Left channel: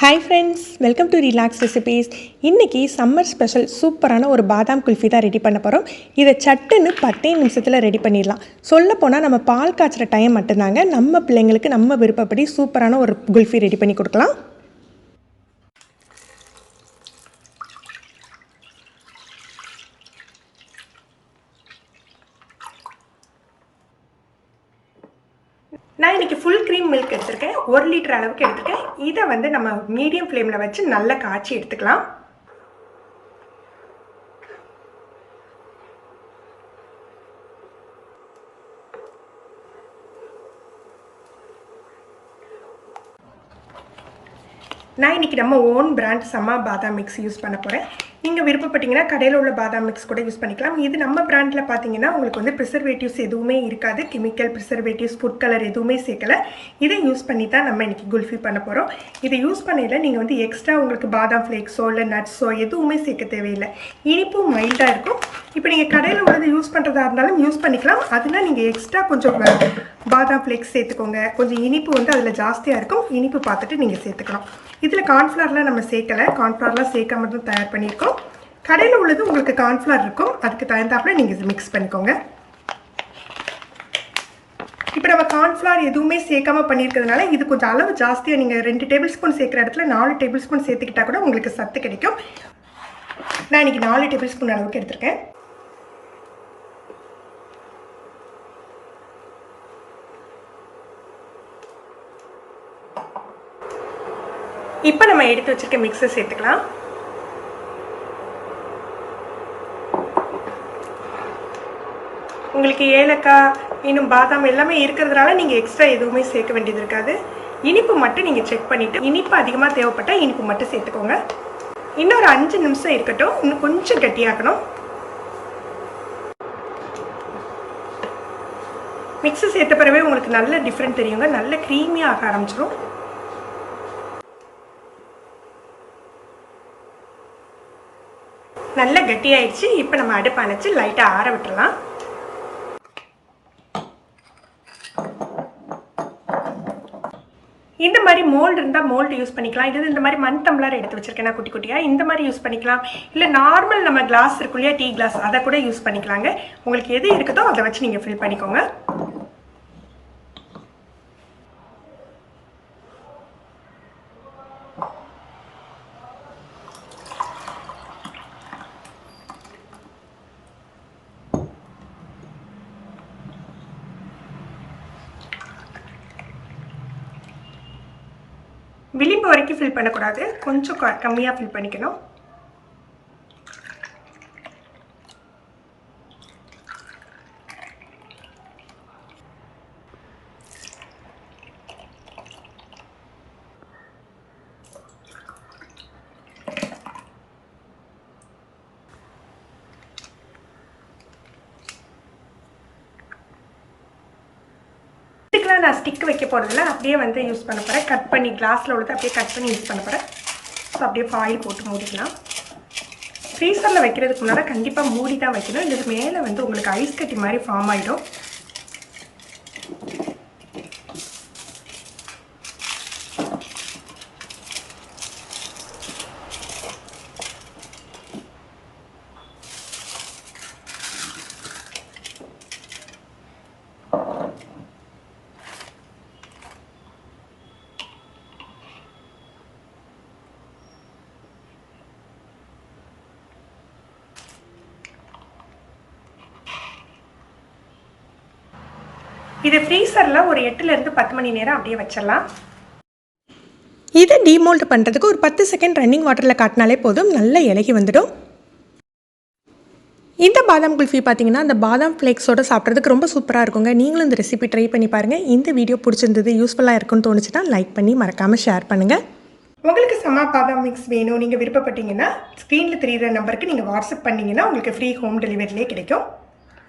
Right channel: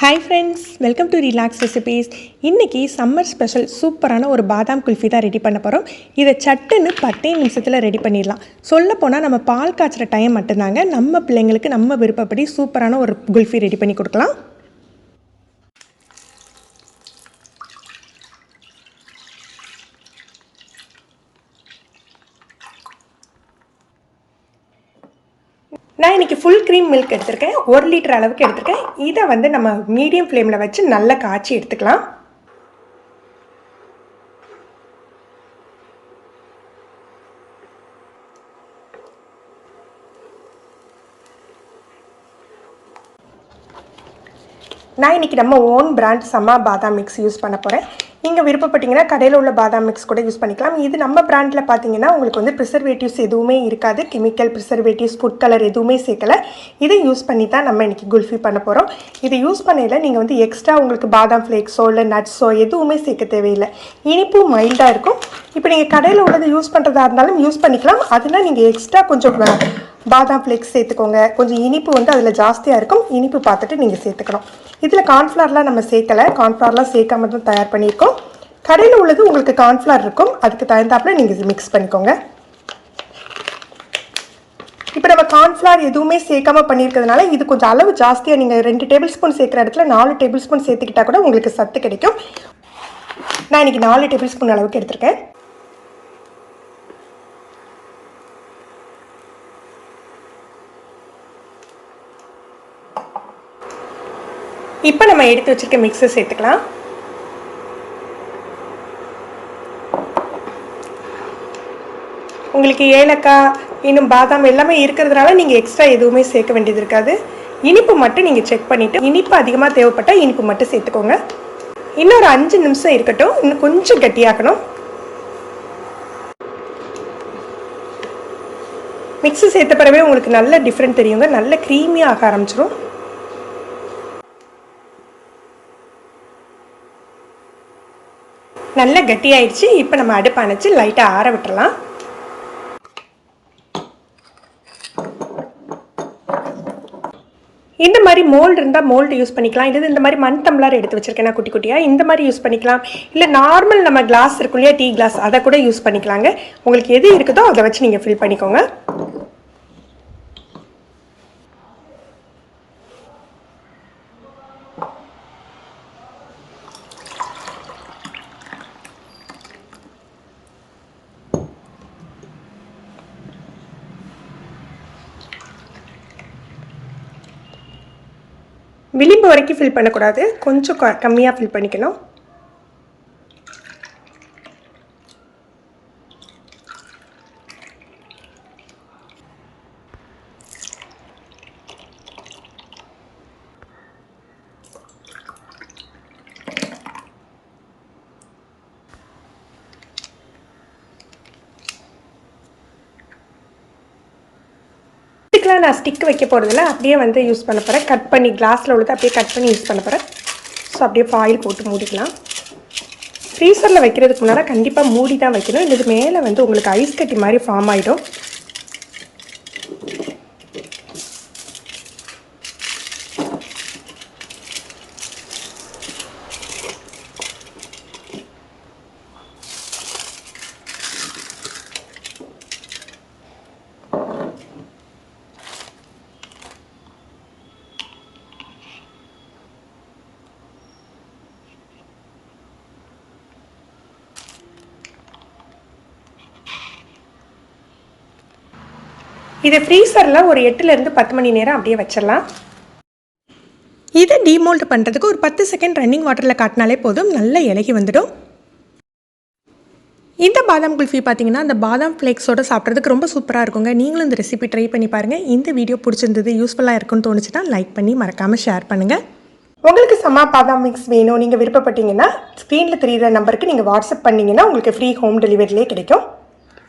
Hi friends, welcome to relax recipes. இன்றைக்கி summer special சூப்பரான ஒரு பாதாம் குல்ஃபி தான் ரெடி பண்ண போகிறோம். இதை சட்டுன்னு 10 நிமிஷத்தில் ரெடி பண்ணிடலாம். சொல்லப்போனால் நம்ம பால் காய்ச்சுற டைம் மட்டும்தாங்க. நம்ம பிள்ளைங்களுக்கு நம்ம விருப்பப்படி சூப்பரான ஒரு குல்ஃபி ரெடி பண்ணி கொடுக்கலாம். நான் இன்றைக்கி ஃபுல் க்ரீம் மில்க் எடுத்திருக்கேன். 1 லிட்டர் அளவுக்கு எடுத்திருக்கேன். இதை வந்து நம்ம மீடியம் ஃப்ளேமில் வச்சு நல்லா காய்ச்சி எடுத்துக்கலாம். நான் இன்றைக்கி நம்ம ஓன் பிராண்ட் சம்மா பாதாம் மிக்ஸ் யூஸ் பண்ண போகிறேன். நீங்கள் விருப்பப்பட்டீங்கன்னா கடையில் உள்ள பாதாம் மிக்ஸ் கூட யூஸ் பண்ணிக்கலாம். இது நம்ம பிராண்டில் பார்த்தீங்கன்னா உங்களுக்கு வந்து ப்ரிசர்வேட்டிவ்ஸ் எதுவுமே இருக்காது. கெமிக்கல் ப்ரிசர்வேட்டிவ்ஸ், ஃபுட் கலர் எதுவுமே சேர்க்கலை. இதை யூஸ் பண்ணி தான் நம்ம இன்றைக்கி குல்ஃபி பண்ண போகிறோம். இதை யூஸ் பண்ணையில் நீங்கள் வந்து எக்ஸ்ட்ரா உங்களுக்கு பாதாம் ஃப்ளேக்ஸோ இல்லை நட்ஸோ எதுவுமே சேர்க்க தேவையில்லை. இனிப்பும் மைல்டாக இருக்கும். இப்போ நீங்கள் கடையில் உள்ளது யூஸ் பண்ணுறதா இருந்தாலும் யூஸ் பண்ணிக்கலாம். அதனால் நீங்கள் எக்ஸ்ட்ரா கொஞ்சம் பாதாம் ஃப்ளேக்ஸ் சேர்த்துக்கோங்க. கொஞ்சம் இனிப்பு வந்து அதில் ஜாஸ்தியாக இருக்கும். இனிப்பு பார்த்துட்டு நீங்கள் சேர்த்துக்கணும். இதில் கார்ன்ஃப்ளவர்லாம் நம்ம சேர்க்கலை. கார்ன்ஃப்ளவர்லாம் சேர்க்காம தான் தயார் பண்ணியிருக்கோம். கடையில் உள்ளது உங்களுக்கு கார்ன்ஃப்ளவர் இருக்கும். அதுக்கு தகுந்தாப்புல நீங்கள் இது மிக்ஸ் பண்ணிக்கோங்க. இப்போ நம்ம கார்ன்ஃப்ளவர் எதுவுமே சேர்க்காம பண்ணியிருக்கிறதுனால இது கொஞ்சம் அளவு ஜாஸ்தியாக நீங்கள் 2 டேபிள் ஸ்பூன் சேர்க்குற இடத்துல 4 டேபிள் ஸ்பூன் சேர்த்துக்கிட்டா கூட உங்களுக்கு சத்து கிடைக்கும். நான் இன்றைக்கி 4 டேபிள் ஸ்பூன் அளவுக்கு எடுத்திருக்கேன். இப்போ நம்ம எடுத்து வச்சிருக்க மிக்ஸை சேர்த்துக்கலாம். உங்களுக்கு ஏலக்காய் இன்னும் பாதாம் எல்லாமே இருக்கிறதுனால நீங்கள் எக்ஸ்ட்ரா எதுவுமே சேர்க்க வேண்டியது இருக்காது. இனிப்பு மட்டும் நீங்கள் செக் பண்ணிவிட்டு இனிப்பு அதிகமாக தேவைப்பட்டால் இனிப்பு மட்டும் சேர்த்துக்கோங்க. இன்னும் ஒரு 5 நிமிஷம் இருக்கட்டும். இன்னும் கொஞ்சம் கட்டியாக்கணும். மிக்ஸி சேர்த்த பிறவே உங்களுக்கு நல்ல டிஃப்ரெண்ட் தெரியுங்க. நல்ல க்ரீமியாக ஆக ஆரம்பிச்சிடும். நல்ல கட்டியாயிடுச்சு. இப்போ நம்ம அடுப்பு அணைச்சி லைட்டாக ஆற விட்டுறலாம். இந்த மாதிரி மோல்டு இருந்தால் மோல்டு யூஸ் பண்ணிக்கலாம். இல்லை இந்த மாதிரி மண் டம்ளர் எடுத்து வச்சுருக்கேன் நான் குட்டி குட்டியாக. இந்த மாதிரி யூஸ் பண்ணிக்கலாம். இல்லை நார்மல் நம்ம கிளாஸ் இருக்கும் இல்லையா, டீ கிளாஸ், அதை கூட யூஸ் பண்ணிக்கலாங்க. உங்களுக்கு எது இருக்குதோ அதை வச்சு நீங்கள் ஃபில் பண்ணிக்கோங்க. விளிம்பு வரைக்கும் ஃபில் பண்ணக்கூடாது. கொஞ்சம் கம்மியாக ஃபில் பண்ணிக்கணும். நான் ஸ்டிக் வைக்க போகிறதில்ல, அப்படியே வந்து யூஸ் பண்ண போகிறேன். கட் பண்ணி கிளாஸில் உள்ளது அப்படியே கட் பண்ணி யூஸ் பண்ண போகிறேன். ஸோ அப்படியே ஃபாயில் போட்டு மூடிக்கலாம். ஃப்ரீசரில் வைக்கிறதுக்கு முன்னாடி கண்டிப்பாக மூடி தான் வைக்கணும். இது மேலே வந்து உங்களுக்கு ஐஸ் கட்டி மாதிரி ஃபார்ம் ஆகிடும். இது ஃப்ரீசரில் ஒரு 8லேருந்து 10 மணி நேரம் அப்படியே வச்சிடலாம். இதை டீமோல்ட் பண்ணுறதுக்கு ஒரு 10 செகண்ட் ரன்னிங் வாட்டரில் காட்டினாலே போதும், நல்லா இலகி வந்துடும். இந்த பாதாம் குல்ஃபி பார்த்தீங்கன்னா அந்த பாதாம் ஃப்ளேக்ஸோடு சாப்பிட்றதுக்கு ரொம்ப சூப்பராக இருக்குங்க. நீங்களும் இந்த ரெசிபி ட்ரை பண்ணி பாருங்கள். இந்த வீடியோ பிடிச்சிருந்தது, யூஸ்ஃபுல்லாக இருக்குன்னு தோணுச்சுன்னா லைக் பண்ணி மறக்காமல் ஷேர் பண்ணுங்கள். உங்களுக்கு சம்மா பாதாம் மிக்ஸ் வேணும் நீங்கள் விருப்பப்பட்டீங்கன்னா ஸ்க்ரீனில் தெரிகிற நம்பருக்கு நீங்கள் வாட்ஸ்அப் பண்ணிங்கன்னா உங்களுக்கு ஃப்ரீ ஹோம் டெலிவரிலே கிடைக்கும்.